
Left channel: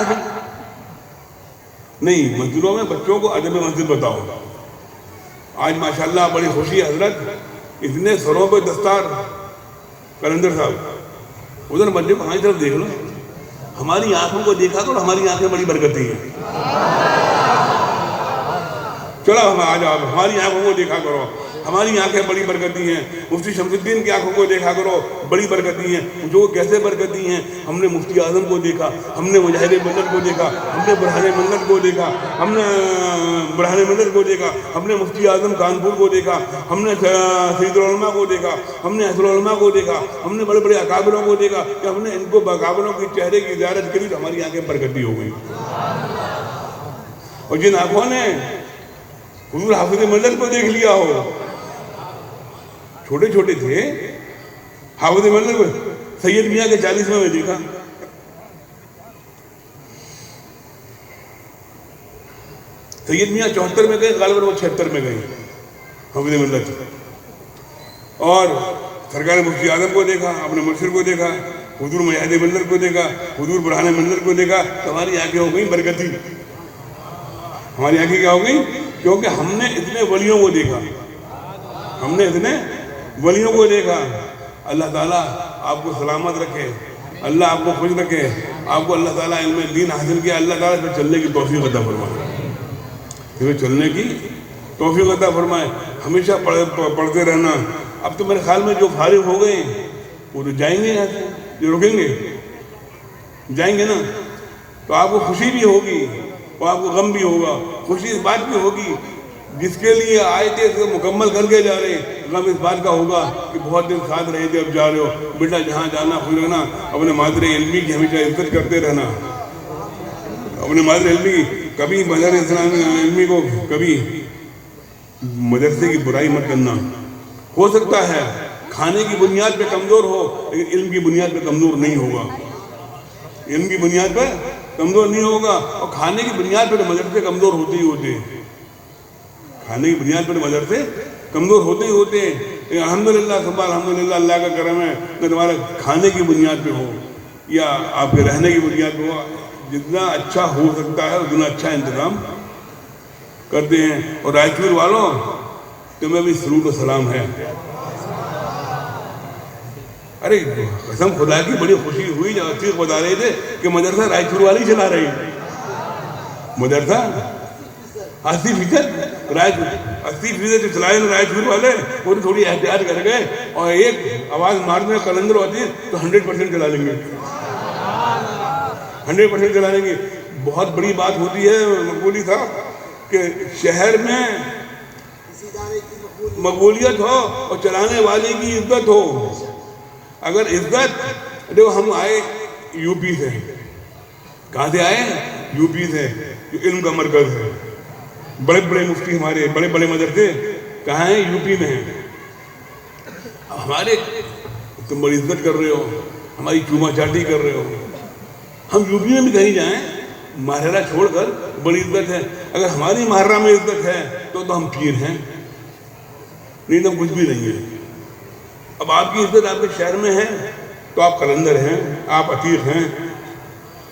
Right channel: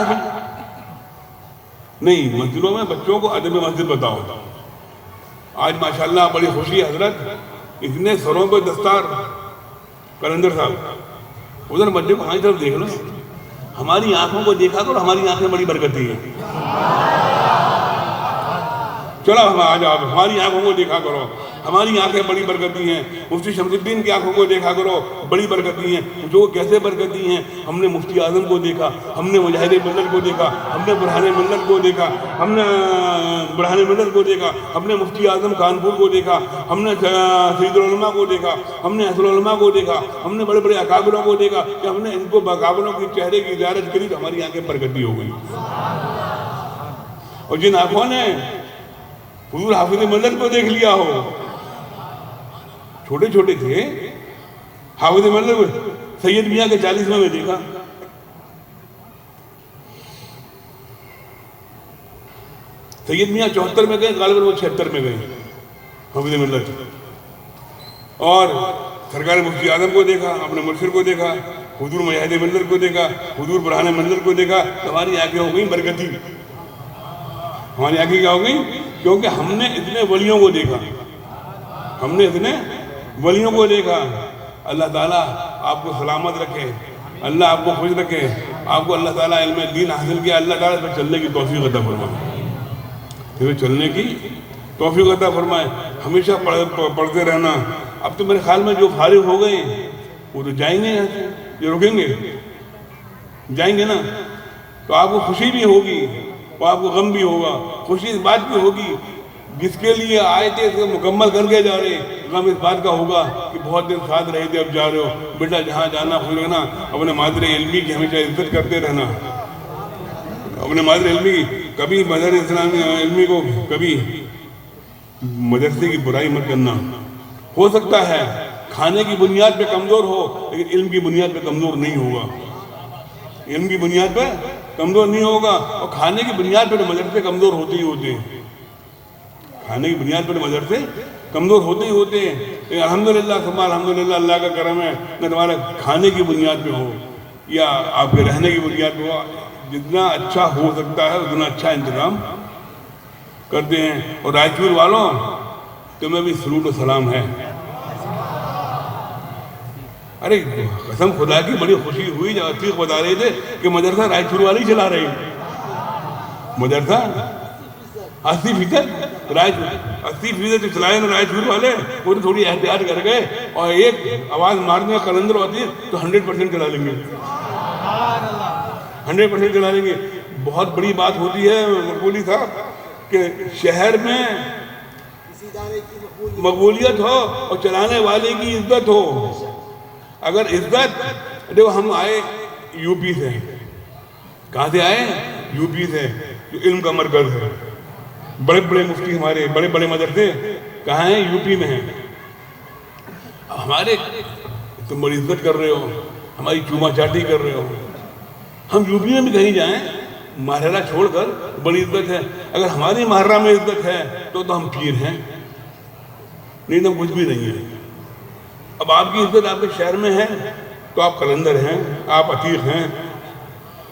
نہیں. مسجدوں میں بچوں کو ادب مسجد بتاؤ. آج ماشاءاللہ بڑی خوشی ہے حضرت, اتنے سروں پہ دستار. کلندر صاحب ادھر بچے کو ہماری طرف دیکھ لو, ہماری آنکھوں کو دیکھا کرو, ہماری آنکھیں بڑی برکتی ہیں. چلو ہم آج آپ ہماری آنکھوں کو دیکھا کرو, ہماری آنکھیں بڑی برکتی ہیں. مفتی شمس الدین کی آنکھوں کو دیکھا کرو, بڑی برکتی ہیں. جو کیسے برکتی ہیں, ہم نے مفتی اعظم کو دیکھا, ہم نے مجاہد ملت کو دیکھا, ہم نے برہان ملت کو دیکھا, ہم نے مفتی اعظم کانپور کو دیکھا, ہم نے سید العلماء کو دیکھا, ہم نے اصل علماء کو دیکھا, ہم نے بڑے بڑے اکابروں کو دیکھا. کہ ہم نے ان کو اکابروں کے چہرے کی زیارت کری تو ہماری آنکھیں برکتی ہو گئی. اور جن آنکھوں نے حضور حافظ ملت کو دیکھ لیا ہو, چھوٹے چھوٹے تھے حافظ ملت, سید میاں کے 40ویں میں دیکھا, سید میاں 74 میں گئے, غالباً وہ 76 میں گئے حافظ ملت. اور سرکار مفتی اعظم کو دیکھا, اپنے مرشد کو دیکھا, حضور مجاہد ملت کو دیکھا, حضور برہان ملت کو دیکھا, تو ہماری آنکھیں ہو گئی برکتی. ہماری آنکھیں کیا ہو گئی؟ کیونکہ ہم نے اتنے ولیوں کو دیکھا, اللہ تعالیٰ آپ کو سلامت رکھے, اللہ آپ کو خوش رکھے, آپ کو اللہ تعالیٰ علم دین حاصل کیا, اللہ تعالیٰ اس پہ چلنے کی توفیق عطا فرمائے, ہمیشہ پڑھتے رہنا. اب تو میرے خیال میں جو فارغ ہو گئے وہ تو جائیں گے یہاں سے, جو رکیں گے جائیں گے نا, تو آپ کو خوشی بھی ہوگی اور آپ کو غم بھی ہوگا. خوشی اس بات کی ہوگی جس کے لیے آئے تھے اس کو مکمل کر کے جا رہے, غم اس بات کا ہوگا کہ بہت دن ساتھ رہے تھے اب جا رہے ہو. بیٹا جہاں جانا خوش رہنا, اپنے مادر علمی کی ہمیشہ عزت کرتے رہنا, اپنے مادر علمی کی کبھی مدر اسلامی علمی کو کبھی مدرسے کی برائی مت کرنا. ہو سکتا ہے کھانے کی بنیاد پہ کمزور ہو لیکن علم کی بنیاد پہ کمزور نہیں ہوگا, علم کی بنیاد پہ کمزور نہیں ہوگا. اور کھانے کی بنیاد پہ تو مدرسے کمزور ہوتے ہی ہوتے ہیں, کھانے کی بنیاد پہ مدرسے کمزور ہوتے ہی ہوتے ہیں. الحمدللہ ثم الحمدللہ, اللہ کا کرم ہے کہ تمہارا کھانے کی بنیاد پہ ہو یا آپ کے رہنے کی بنیاد پہ ہو, جتنا اچھا ہو سکتا ہے اتنا اچھا انتظام کرتے ہیں. اور رائچور والوں تمہیں بھی سرود و سلام ہے. ارے قسم خدا کی بڑی خوشی ہوئی جب عتیق بتا رہے تھے کہ مدرسہ رائچور والی چلا رہی, مدرسہ 80% 80% چلائے نا رائچور والے, وہ تھوڑی احتیاط کر گئے اور ایک آواز مارنے کلندر ہوتی ہے تو 100% چلا لیں گے, 100% چلا لیں گے. بہت بڑی بات ہوتی ہے مقبولی صاحب کہ شہر میں مقبولیت ہو اور چلانے والے کی عزت ہو. اگر عزت, دیکھو ہم آئے یو پی سے, کہاں سے آئے ہیں؟ یو پی سے، جو علم کا مرکز ہے. بڑے بڑے مفتی ہمارے، بڑے بڑے مدرسے کہاں ہیں؟ یو پی میں ہیں. ہمارے تم بڑی عزت کر رہے ہو، ہماری چوما چاٹی کر رہے ہو. ہم یو پی میں بھی کہیں جائیں، محرہ چھوڑ کر بڑی عزت ہے. اگر ہماری محرہ میں عزت ہے تو ہم پیر ہیں، نہیں تو کچھ بھی نہیں ہے. اب آپ کی عزت آپ کے شہر میں ہے تو آپ قلندر ہیں، آپ عتیق ہیں،